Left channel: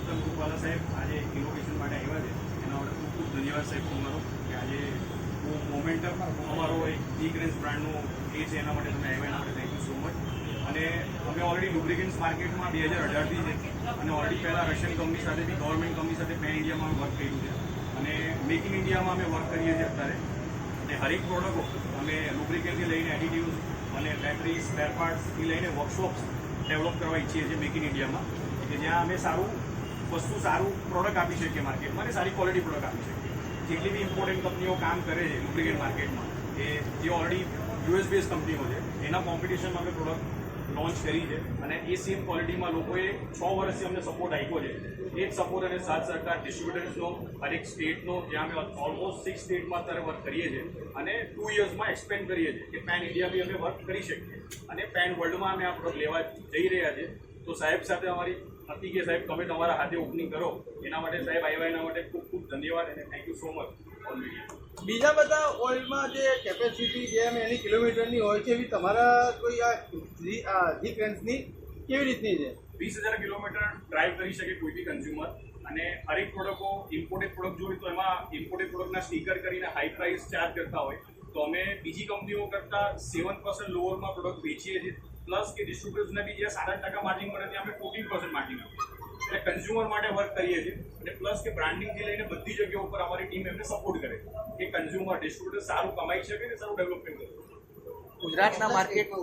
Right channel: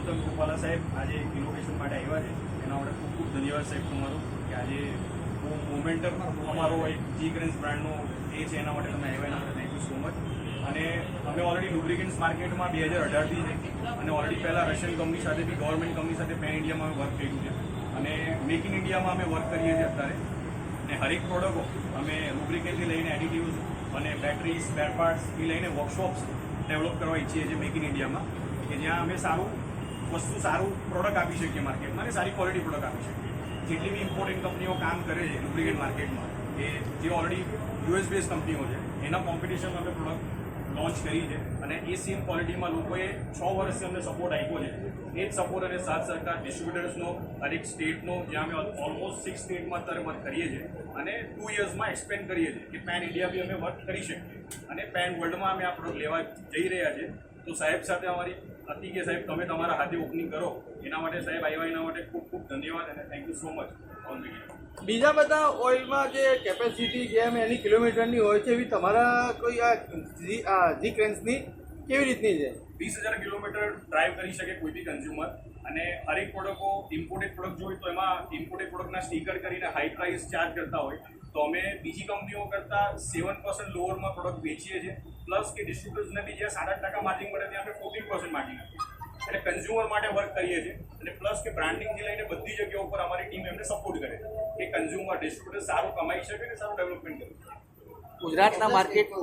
પુરુષોત્તમ રૂપાલા સાહેબ આજે ઇનોવેશન માટે આવ્યા છે એના માટે ખૂબ ખૂબ ધન્યવાદ સાહેબ તમારો કે આજે બહુ મોમેન્ટમ અમારો એક જી ગ્રેન્સ બ્રાન્ડનો એ છે એના માટે તમે આવ્યા એના માટે થેન્ક યુ સો મચ. અને અમે ઓલરેડી લુબ્રિકન્ટ્સ માર્કેટમાં 2018થી છે અને ઓલરેડી પહેલાં રશિયન કંપની સાથે બી ગવર્મેન્ટ કંપની સાથે પેન ઇન્ડિયામાં વર્ક કર્યું છે અને મેક ઇન ઇન્ડિયામાં અમે વર્ક કરીએ છીએ અત્યારે. અને હરેક પ્રોડક્ટો અમે લુબ્રિકન્ટથી લઈને એડિટિવ્સ અને બેટરી સ્પેર પાર્ટ્સથી લઈને વર્કશોપ્સ ડેવલપ કરવા ઈચ્છીએ છીએ મેક ઇન ઇન્ડિયામાં, કે જ્યાં અમે સારું પ્રોડક્ટ આપી શકીએ માર્કેટમાં અને સારી ક્વોલિટી પ્રોડક્ટ આપી શકીએ. જેટલી બી ઇમ્પોર્ટન્ટ કંપનીઓ કામ કરે છે લુબ્રિકેન્ટ માર્કેટમાં કે જે ઓલરેડી યુએસ બેઝ કંપનીઓ છે એના કોમ્પિટિશનમાં અમે પ્રોડક્ટ લોન્ચ કરી છે અને એ સેમ ક્વોલિટીમાં લોકોએ 6 વર્ષથી અમને સપોર્ટ આપ્યો છે. એ જ સપોર્ટ અને સાથ સરકાર ડિસ્ટ્રીબ્યુટર્સનો હરેક સ્ટેટનો, જ્યાં અમે ઓલમોસ્ટ 6 સ્ટેટમાં અત્યારે વર્ક કરીએ છીએ અને 2 યર્સમાં એક્સપેન્ડ કરીએ છીએ કે પેન ઇન્ડિયા બી અમે વર્ક કરી શકીએ અને પેન વર્લ્ડમાં અમે આ પ્રોડક્ટ લેવા જઈ રહ્યા છીએ. તો સાહેબ સાથે અમારી હતી કે સાહેબ તમે તમારા હાથે ઓપનિંગ કરો, એના માટે સાહેબ આવ્યા એના માટે ખૂબ ખૂબ ધન્યવાદ અને thank you so much all media. બીજા બધા ઓઇલમાં જે કેપેસિટી જેમ એની કિલોમીટરની હોય છે એવી તમારા કોઈ આ જી ક્રેન્સની કેવી રીતની છે? 20,000 કિલોમીટર ડ્રાઈવ કરી શકે કોઈ બી કન્ઝ્યુમર અને હરેક પ્રોડક્ટો ઇમ્પોર્ટેડ પ્રોડક્ટ જોઈએ તો એમાં ઇમ્પોર્ટેડ પ્રોડક્ટના સ્ટીકર કરીને હાઈ પ્રાઇસ ચાર્જ કરતા હોય તો અમે બીજી કંપનીઓ કરતાં 7% લોઅરમાં પ્રોડક્ટ વેચીએ છીએ. પ્લસ કે ડિસ્ટ્રીબ્યુટર્સને બી જ્યાં 7-8% માર્જિન મળે ત્યાં અમે 14% માર્જિન આપીએ. એટલે કન્ઝ્યુમર માટે વર્ક કરીએ છીએ અને પ્લસ કે બ્રાન્ડિંગથી લઈને બધી જગ્યાઓ પર અમારી ટીમ એમને સપોર્ટ કરે કે કન્ઝ્યુમર ડિસ્ટ્રીબ્યુટર સારું કમાઈ શકે અને સારું ડેવલપમેન્ટ કરે. ગુજરાતના માર્કેટ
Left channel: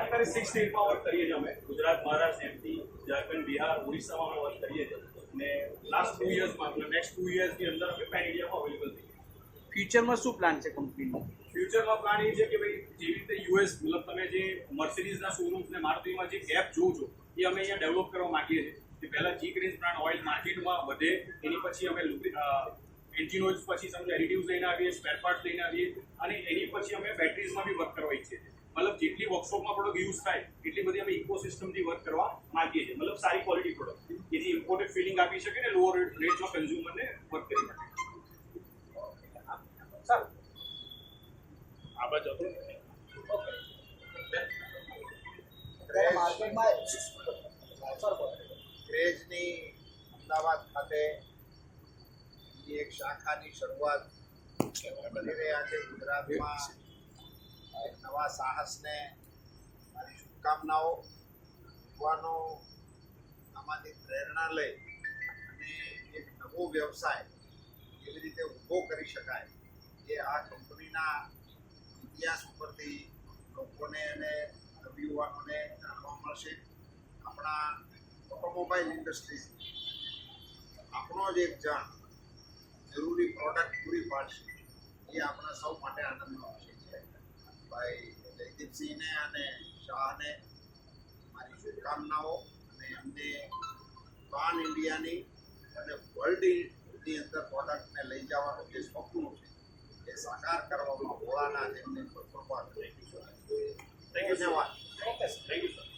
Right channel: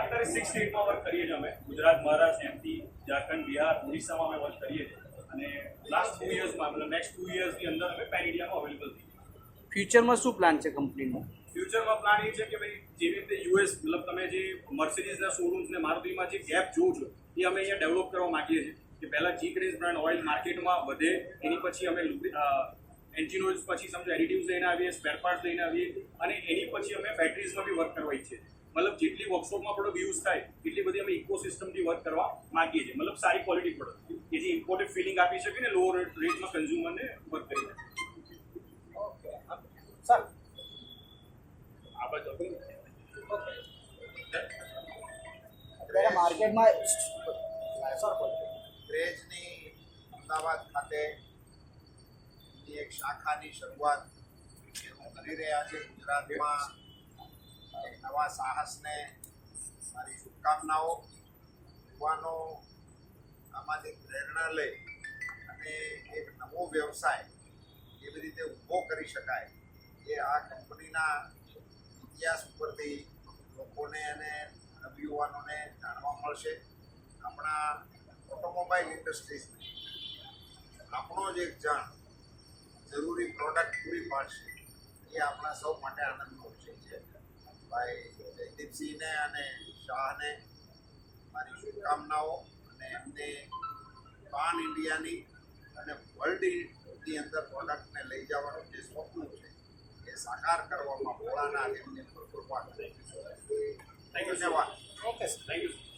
અત્યારે 6 સ્ટેટમાં વર્ક કરીએ છીએ અમે. ગુજરાત, મહારાષ્ટ્ર, એમપી, ઝારખંડ, બિહાર, ઓડિશામાં અમે વર્ક કરીએ છીએ અને લાસ્ટ 2 યર્સમાં મતલબ નેક્સ્ટ 2 યર્સની અંદર અમે પેન ઇન્ડિયામાં અવેલેબલ થઈએ. ફ્યુચરમાં શું પ્લાન છે કંપનીનો? ફ્યુચરમાં પ્લાન એ છે કે ભાઈ જેવી રીતે યુએસ મતલબ તમે જે મર્સિડીઝના શોરૂમ્સ ને મારુતિમાં જે ગેપ જોવો છો એ અમે અહીંયા ડેવલપ કરવા માંગીએ છીએ કે પહેલાં જી ગ્રેન્સ બ્રાન્ડ ઓઇલ માર્કેટમાં વધે, એની પછી અમે એન્જિન ઓઇલ્સ પછી સમજો એડિટિવ્સ લઈને આવીએ, સ્પેર પાર્ટ્સ લઈને આવીએ અને એની પછી અમે બેટરીઝમાં બી વર્ક કરવા ઈચ્છીએ છીએ. મતલબ જેટલી વર્કશોપમાં પ્રોડક્ટ યુઝ થાય એટલી બધી અમે ઇકોસિસ્ટમથી વર્ક કરવા માંગીએ છીએ. મતલબ સારી ક્વોલિટી પ્રોડક્ટ કે જે ઇમ્પોર્ટેડ ફિલિંગ આપી શકે ને લોઅર રેટમાં કન્ઝ્યુમરને વર્ક કરી શકે. ક્રેઝની અમદાવાદ ખાતે એક શાખાની શરૂઆત કરી રહ્યા છે. ગુજરાતમાં એક નવા સાહસને મારી શુભકામનાઓ. યુવાનો આમાંથી પ્રેરણા લઈ અને એક નવો વ્યવસાય કેવી રીતે ઊભો કરી શકાય એ આ કંપનીના ઇતિહાસ ઉપરથી લોકોને અને નવયુવાનોને જાણવા મળશે. આપણા ઓટોમોબાઈલ ઇન્ડસ્ટ્રીઝને આપણો જ એક જણ જરૂરી પ્રોડક્ટ પૂરી પાડશે એ આપણા સૌ માટે આનંદનો વિષય છે. ભાઈ જયદીપસિંહને અને શાહને મારી શુભકામનાઓ અને એમને પાન ઇન્ડિયાની અને વર્લ્ડની અંદર પ્રોડક્ટને લઈ જવાનું જે સ્વપ્ન છે એ સાકાર કરવામાં ભોળાનાથ એમની પર કૃપા કરે. ધન્યવાદ. Thank you sir.